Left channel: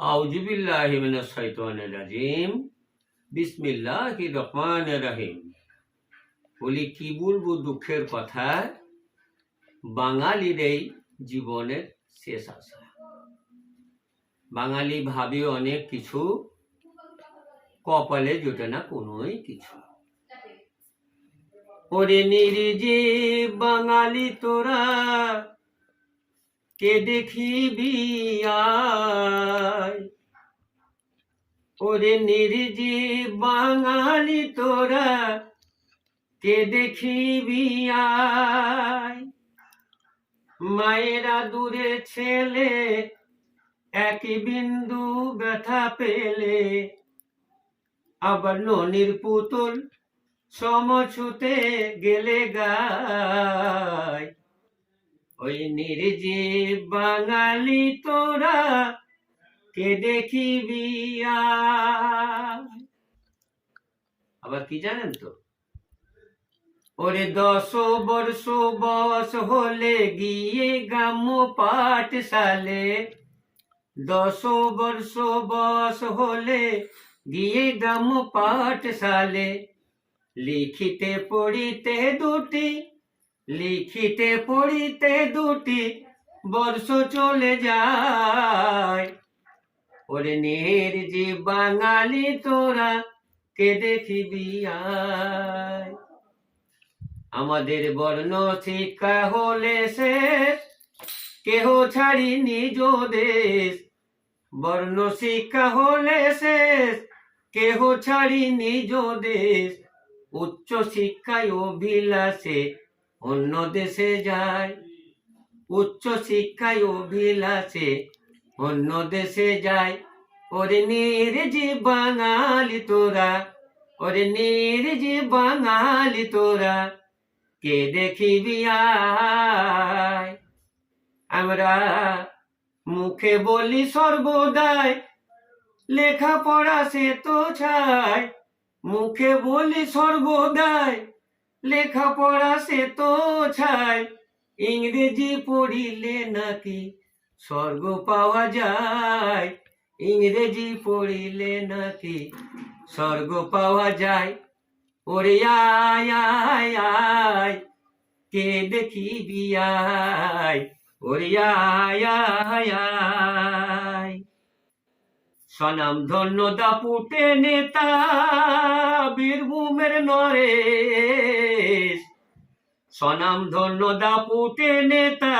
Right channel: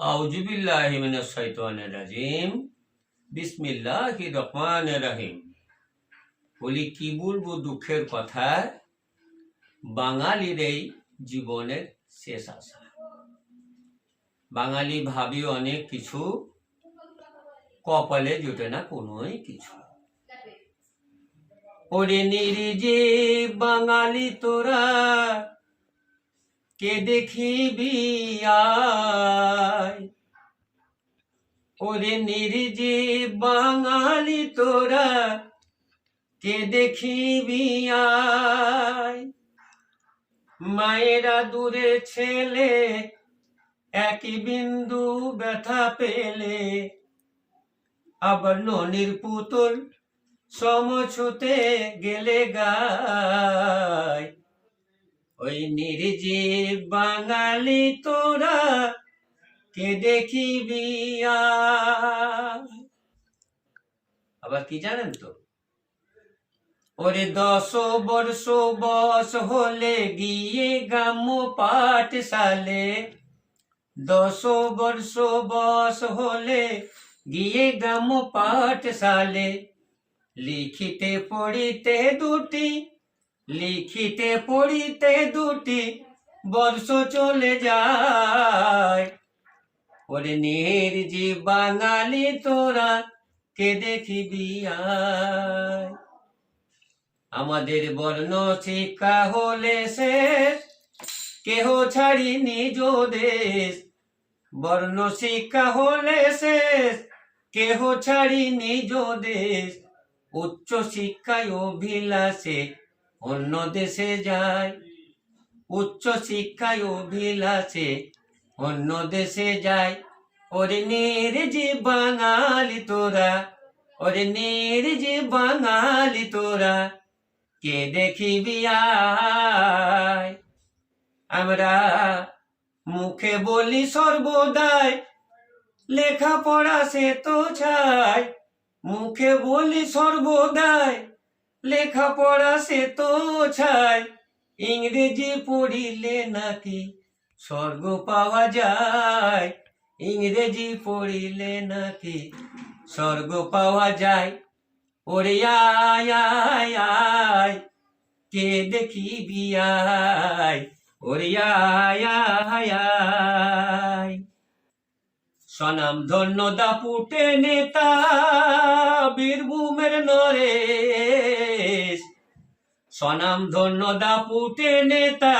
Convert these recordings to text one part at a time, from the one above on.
আউজুবিল্লাহি মিনাশ শাইতানির রাজিম। বিসমিল্লাহির রহমানির রহিম। বলি, কি বলব দুঃখের কথা? বাঙালির এই জীবনের শেষ আশা। বাঙালি ভাবি অনেক কিছু, কপালে জোটে না কোনোই কিছু। ওরে নির্জীব বাঙালি তোরা কে দেখিবি ওরে নির্জীব বাঙালি তোরা, কে দেখিবি আয় মায়েরা দূরে ছেলে, একই বিন্দু ব্যথা পেলে। আবার ননির পুতুল সমছুতে গেলে গায়। ওই নির্জীব বাঙালি তোরা কে দেখিবি আবার কি জানেন তো? ওরে দশ বর্ষ বস হলে গিয়ে গ্রাম্য পাঠশালে। দশ বর্ষ বস হলে গিয়ে গ্রাম্য পাঠশালে। লিখিতে পড়িতে দুটি লিখিতে পড়িতে দুটি বর্ষ চলে যায়। ওরে নির্জি বাঙালি, তোরা কে দেখিবি আয় আমাদের বর্ণ শিক্ষা হলে শেষ কেহ ছাড়ি নিজ দেশ। বর্ণ শিক্ষা হলে শেষ কেহ ছাড়ি নিজ দেশ। উচ্চ শিক্ষায় অভিলাষে অন্য দেশে যায়। উচ্চ শিক্ষায় অভিলাষে অন্য দেশে যায়। ওরে নির্জি বাঙালি তোরা, ওরে নির্জি বাঙালি তোরা, কে দেখিবি আয়? আমরা মুখে বলি সর্বদাই, লেখাপড়া সে তো ছাই মুখে বলি সর্বদাই লেখাপড়া সে তো ছাই ইংরেজি পড়িলে নাকি স্বর্গ পাওয়া যায়। ইংরেজি পড়িলে নাকি স্বর্গ পাওয়া যায়। ওরে আয় কে দেখিবি আয় ওরে আয় আয় সনাম ধন্য দাপুটে নেতা, বীরভূমের নরেশ সনাম ধন্য দাপুটে নেতা,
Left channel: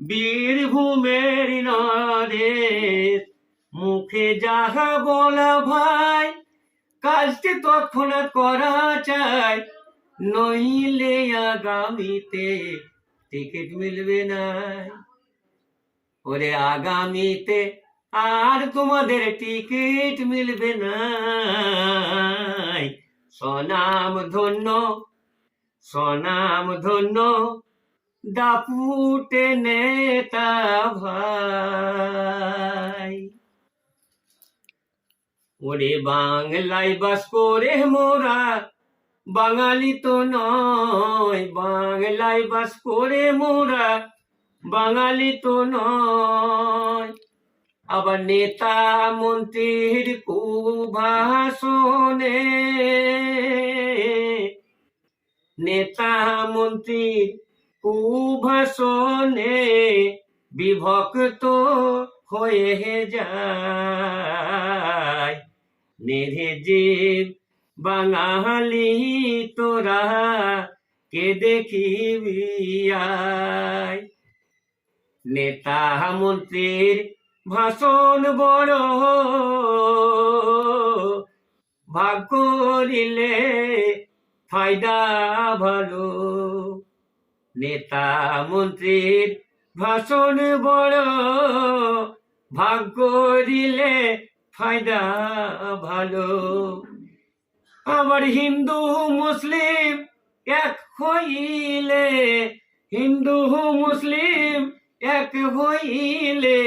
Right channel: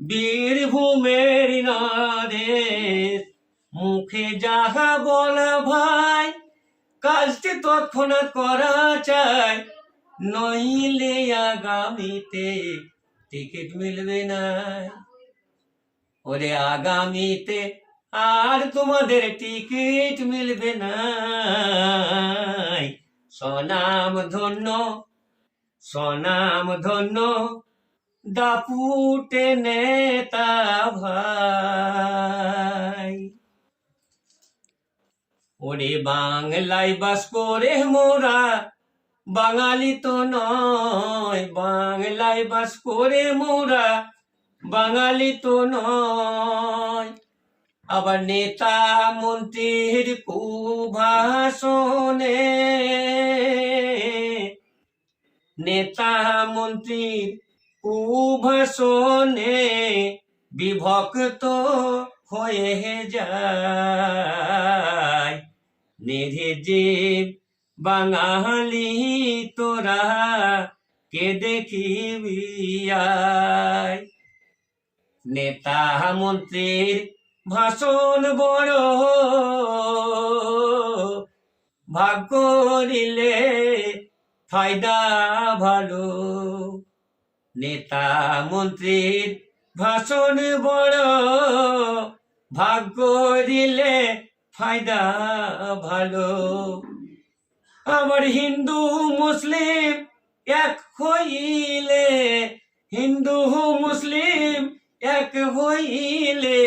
বীরভূমের নরেশ মুখে যাহা বলা ভাই, কাজটি তৎক্ষণাৎ করা চাই। নইলে আগামীতে টিকিট মিলবে না। ওরে আগামীতে আর তোমাদের টিকিট মিলবে না সনাম ধন্য সনাম ধন্য, দাপুটে নেতা ভাই। ওরে বাংলায় বাস করে মোরা, বাঙালি তো নয়। বাংলায় বাস করে মোরা, বাঙালি তো নয়। আবার নেতা মন্ত্রীর কুভাষণে নেতা মন্ত্রীর কুভাষণে বিভক্ত হয়ে যায়। যে বাঙালি তোরা কে দেখিবি নেতা মন্ত্রীর ভাষণ বড় ভাগ করিলে ফায়দা ভালো। নেতা মন্ত্রীর ভাষণ বড় ভাগ করিলে ফায়দা ভালো। আবার হিন্দু মুসলিম এক হইলে, হিন্দু মুসলিম এক হইলে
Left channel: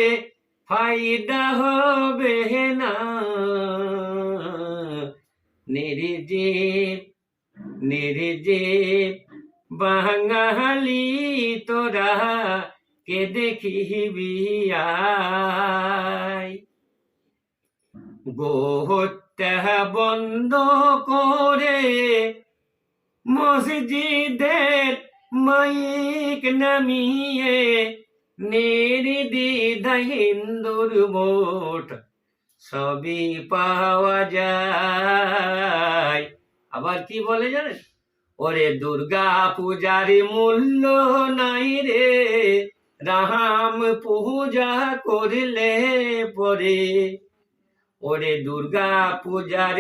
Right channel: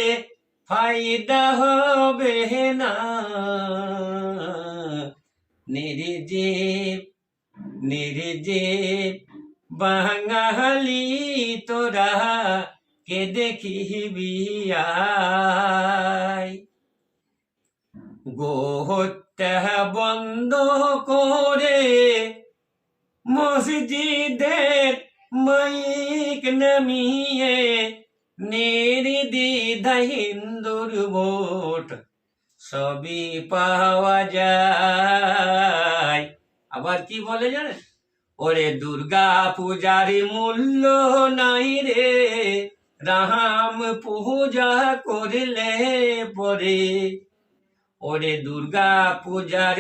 ফায়দা হবে না। নির্জীব নির্জীব বাঙালি তোরা কে দেখিবি গোহত্যা বন্ধ করে মসজিদের মাইক নামিয়ে নির্দিদা হিন্দুর ভোট সবই পাওয়া যায়। আবার কি বলে জানেন? ওরে দুর্গা পূজার মূল্য নাই রে, রাম পূজা করলে পরে। ওরে দুর্গা পূজার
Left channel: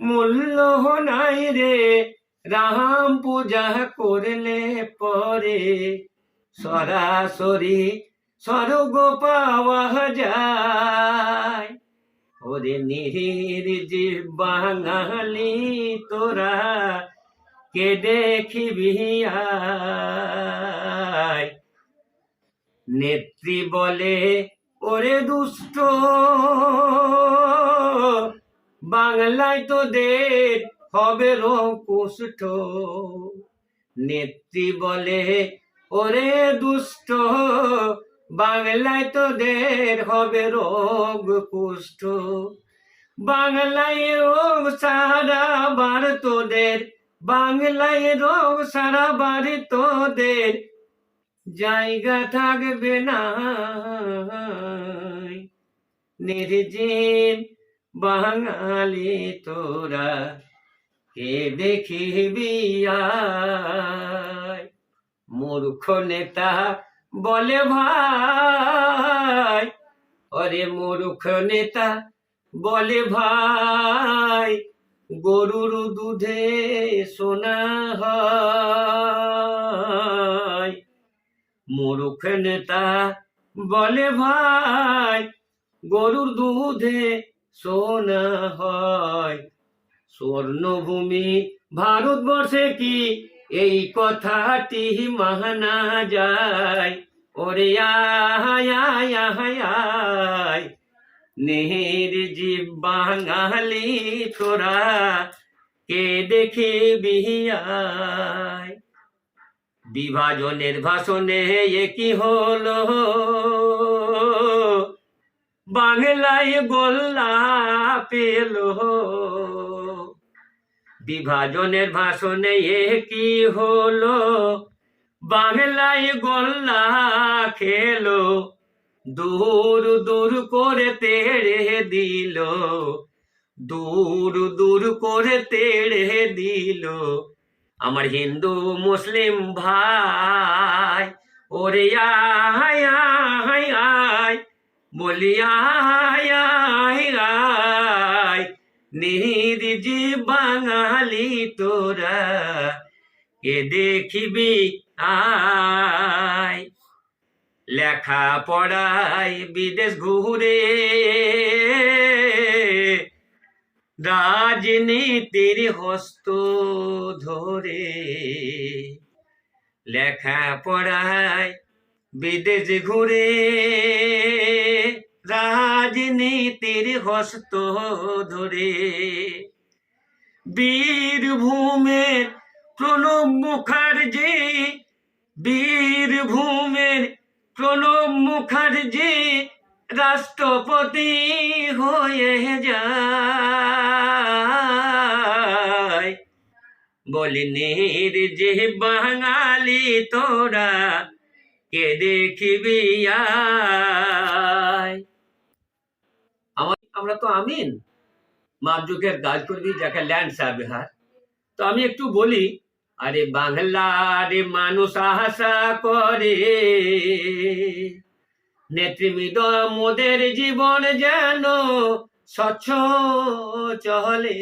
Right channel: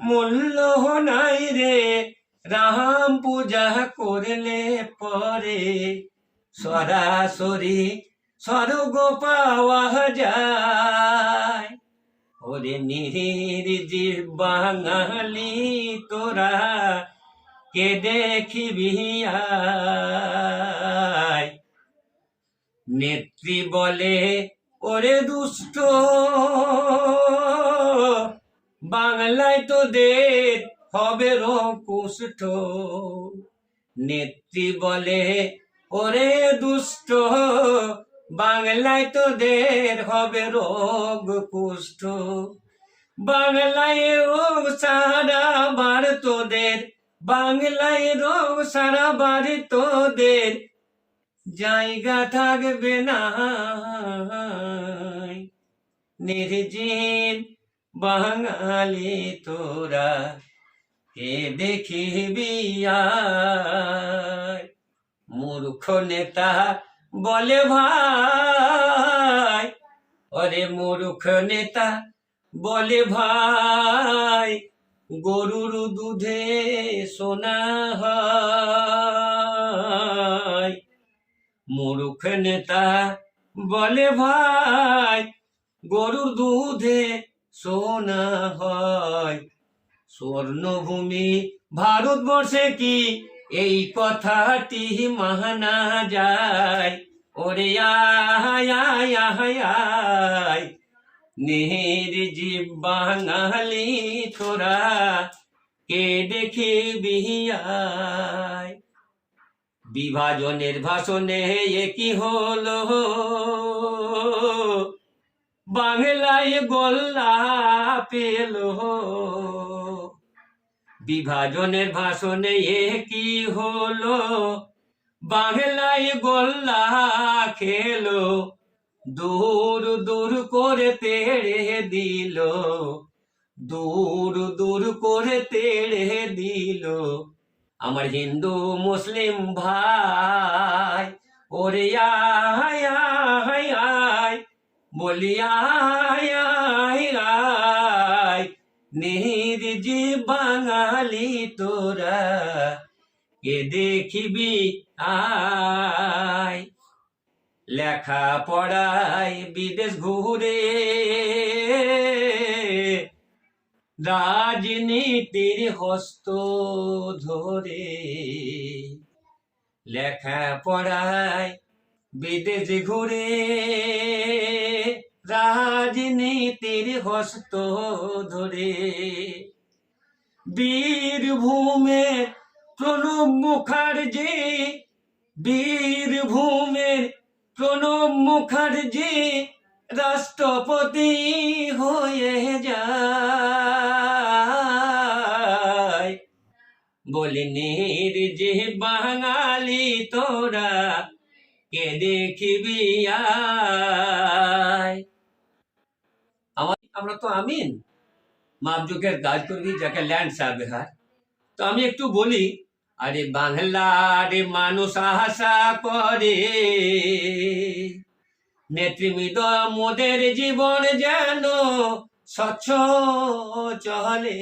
মূল্য নাই রে, রাম পূজা করলে পরে। সরাসরি স্বর্গ পাওয়া যায়। ওরে নিহির বাঙালি তোরা কে দেখিবি নেত্রী বলে, ওরে দুষ্ট, বাংলায় তো তোদের হবে রকুষ্ঠ। নেত্রী বলে, ওরে দুষ্ট বাংলায় তোদের হবে রোগ কুষ্ঠ বাংলায় রোগ সারা বার তোদের, বাংলায় রোগ সারা বাড়ি তোদের। জায়গা থাকবে না। নির্জীব বাঙালি তোরা, কে দেখিবি মূর্খ নেতা বলে ভাই অরে মূর্খ নেতা, বলে ভাই, গরুর দুধে সোনা হয়। মূর্খ নেতা, বলে ভাই, গরুর দুধে সোনা হয়। স্বর্ণভূমি ভারতবর্ষে কি এই কথাটি মানা যায়। ওরে আয় নেহের জীব বাঙালি তোরা কে দেখে বিহিয়ায় বিভাজনের ভাষণে কি হলো? বাংলায় গোল্লা পেল। বিভাজনের ভাষণে এ কি হলো? বাংলায় গোল্লা খেলো, দূর দূর করে তেড়ে দিল, দূর দূর করে তেড়ে দিল। আমার হিন্দু মুসলিম ভাই, ওরে আয় আয় আয়, বলি আয় আয় আয় বাঙালি তোরা, কে দেখিবি আয়? লেখা পড়ায় বিদেশ ঘুরে, রাজনীতির হস্ত ধরে। লেখা পড়ায় বিদেশ ঘুরে, রাজনীতির হস্ত ধরে। বীরভূমের প্রণব মুখার্জি বীরভূমের প্রণব মুখার্জি রাষ্ট্রপতি হয়ে যায়। বলিনির যে বাঙালি তোরা, কে দেখিবি আমরা তো আমিন। মাপজোকের কাজ যাকে ল্যান্ড সার্ভেহার তো আমি একটু বলি, আরে বাংলার মানুষ আশা করে নেতৃমৃদ মোদের জীবন যেন স্বচ্ছ চলে।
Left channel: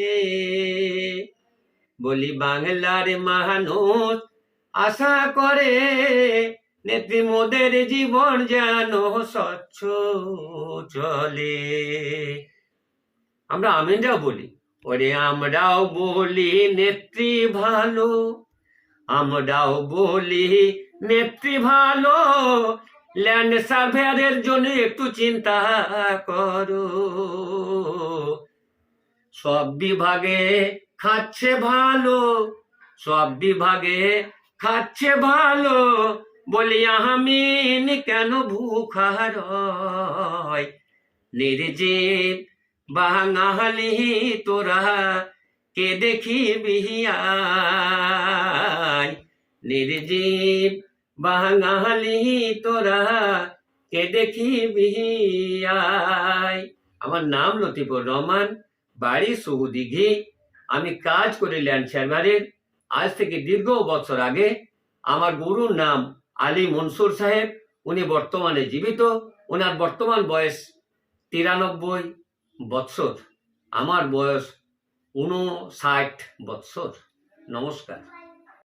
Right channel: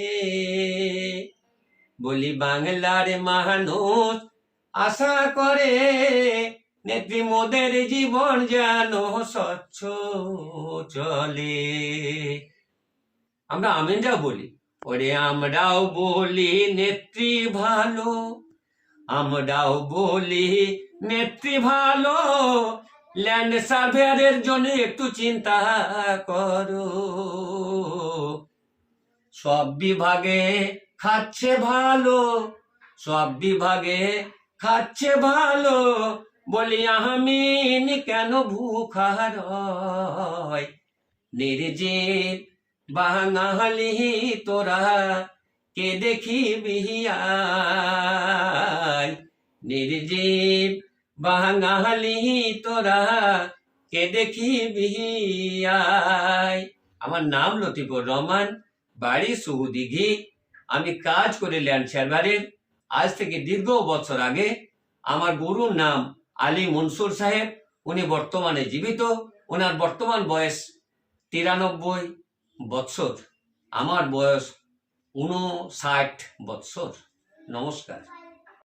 বলি, বাংলার মানুষ আশা করে, নেত্রী মোদের জীবন যেন স্বচ্ছ চলে। আমরা আমিনরাও বলি, ওরে আমরাও বলি নেত্রী ভালো, আমরাও বলি নেত্রী ভালো। ল্যান্ড সার্ভেয়ারের জন্য একটু চিন্তা করো। সব বিভাগে খাচ্ছে ভালো, সব বিভাগে খাচ্ছে ভালো। বলি আমিন কেন ভুখার নির্জীব বাঙালি তোরা, কে দেখি বিহিয়াই নির্জীব বাঙালি তোরা, কে দেখি বিহিয়াই আমার নাম লতিফুর রহমান, বাড়ি সৌদিঘি আমি কাজ করি ল্যান্ড সার্ভারের। আজ থেকে দীর্ঘ বছর আগে আমার গুরুর নাম আলী মনসুর সাহেব। উনি বর্তমানে জীবিত। ওনার বর্তমান বয়স তিরানব্বই। বৎসর? আমার বয়স উনষাট বৎসর। নমস্কার।